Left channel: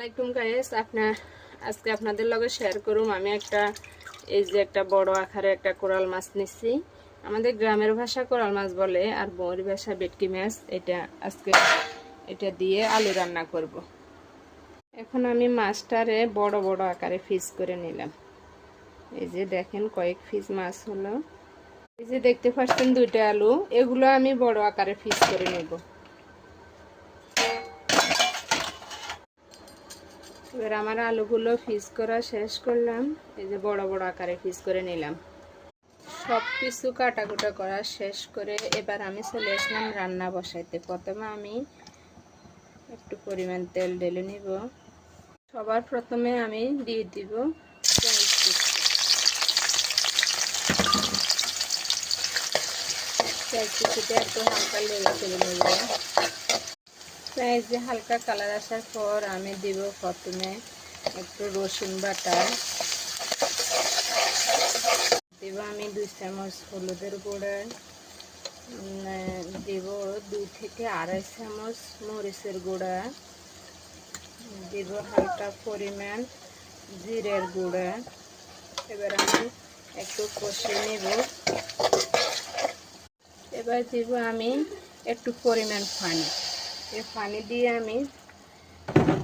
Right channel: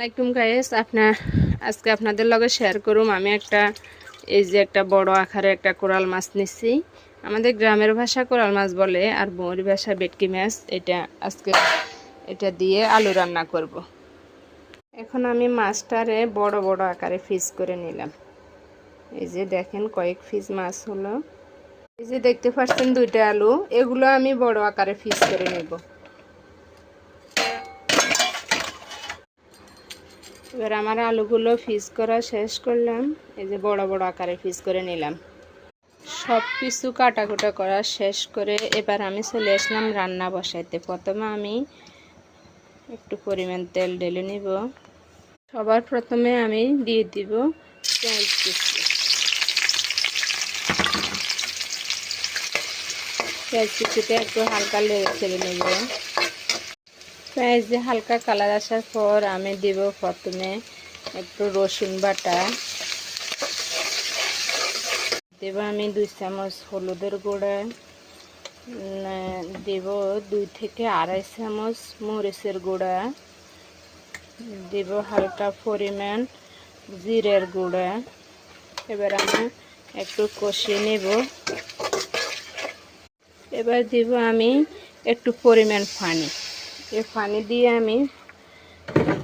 আসসালামাইকুম গাইস, আজকে আপনাদের লগে শেয়ার করুম আমি একটা বড় আকারে একটা কোরাল মাছ নিচ্ছি। আমাদের গ্রামের ভাষা কোরাল মাছ বলে, আর বৌরি ভাষা ভেটকি মাছ। আজকে এটা দিয়ে আলু রান্না করব। এখন আমি মাছটারে বড় বড় আকারে পিস করে নিলাম। এই যে দেখেন কয়েক পিস মাছ হলো। এই যে দেখতে পাচ্ছেন দুইটা আলু, এগুলো আমি বড় আকারে পিস করে নেব। এবার আমার আলুগুলো পিস করা শেষ করলাম। এই যে বড় বড় আকারে পিস করে নিলাম। সব কিছু কাটাকুটা করা শেষ করে এবার আমি চলে আসলাম রান্না বসাইতে। প্রথমে আমি একটু পরিমাণ তেল ঢেলে নিব। সবার প্রথমে আমি দিয়ে দিব পেঁয়াজ কুচি। পেঁয়াজ কুচিতে একটু হালকা লেড়ে ছেড়ে নেব। পেঁয়াজ দিয়ে হালকা কালার আসার পর আমি দিব প্রথমে একটু রসুন বাটা। দেব আমি 2 চামচ হলুদের গুঁড়া, দেব 2 থেকে 2.5 চামচ মরিচের গুঁড়া, দেব হালকা পরিমাণ জিরের গুঁড়া। এবার আমি একটু কষিয়ে নেব। এবার দেব আমি একটু পরিমাণ পানি। এই পানি দিয়ে আমি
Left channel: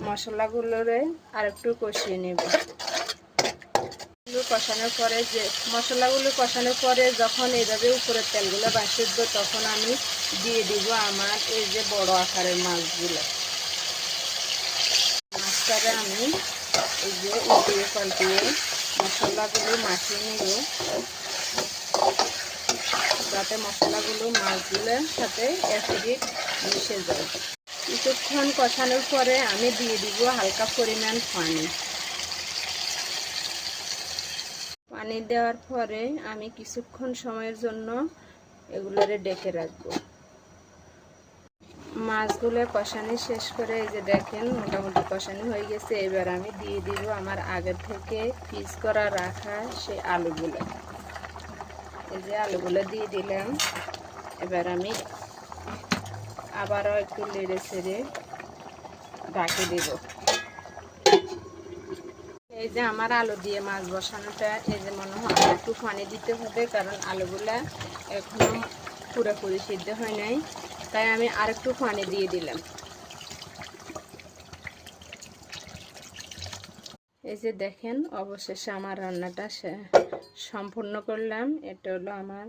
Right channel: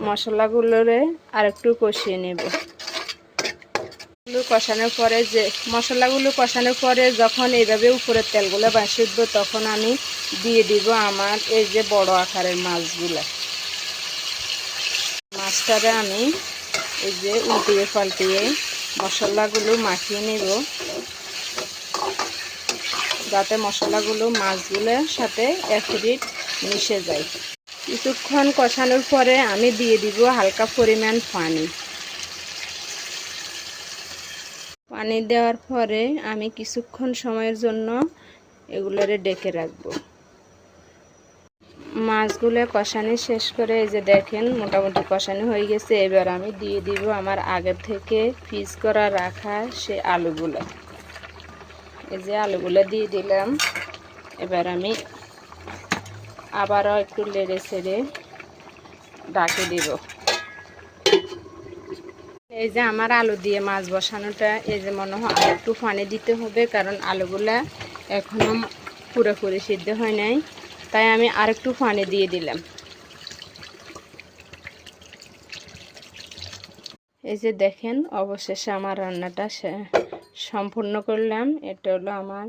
মশলাগুলোরে আর একটু কষিয়ে নেব। মশলাগুলো কষানোর পরে যখন এইভাবে উপরের তেলগুলো বাসি উঠবে, তখন আমি দিয়ে দিব আমার এই যে বড় আকারের মাছগুলো। মাছটারে আমি এই যে উল্টিয়ে পাল্টিয়ে মশলাগুলো মাখিয়ে নেব, যাতে মশলাগুলো মাছগুলোর সাথে অ্যাসিড মিশে যায়। কিছুক্ষণ কষানোর পরে আমি দিয়ে দিব হালকা পরিমাণ পানি। পানি দেওয়ার পরে আমি কিছুক্ষণ সময়ের জন্য এগুলোরে ডেকে রাখবো। মাছগুলো কষানো শেষ করে এই যে দেখেন মোটামুটি কষানো হয়ে গেছে। এবার আমি দিয়ে দিব আমার আগে থেকে পিস করা রাখা সে আলুগুলো। এই যে আলুগুলো দিয়ে দিলাম। এবার আমি আবারও একটু নেড়ে ছেড়ে ঢাকে দিব। এই যে আমার আলু দিয়ে মাছ বসানোটা, এই যে মনে হয় একটু পানি দিতে হবে, কারণ আলুগুলা এখনো পুরোপুরি সিদ্ধ হয় নাই, তাই আমি আরেকটু পানি দিয়ে দিলাম। এই যে দেখেন অবশেষে আমার রান্নাটা সম্পূর্ণ করলাম। এটা হলো আমার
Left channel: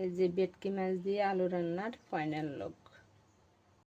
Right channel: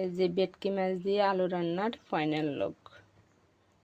এই যে ভেটকি মাছ দিয়ে আলু রান্নার ফাইনাল লুক।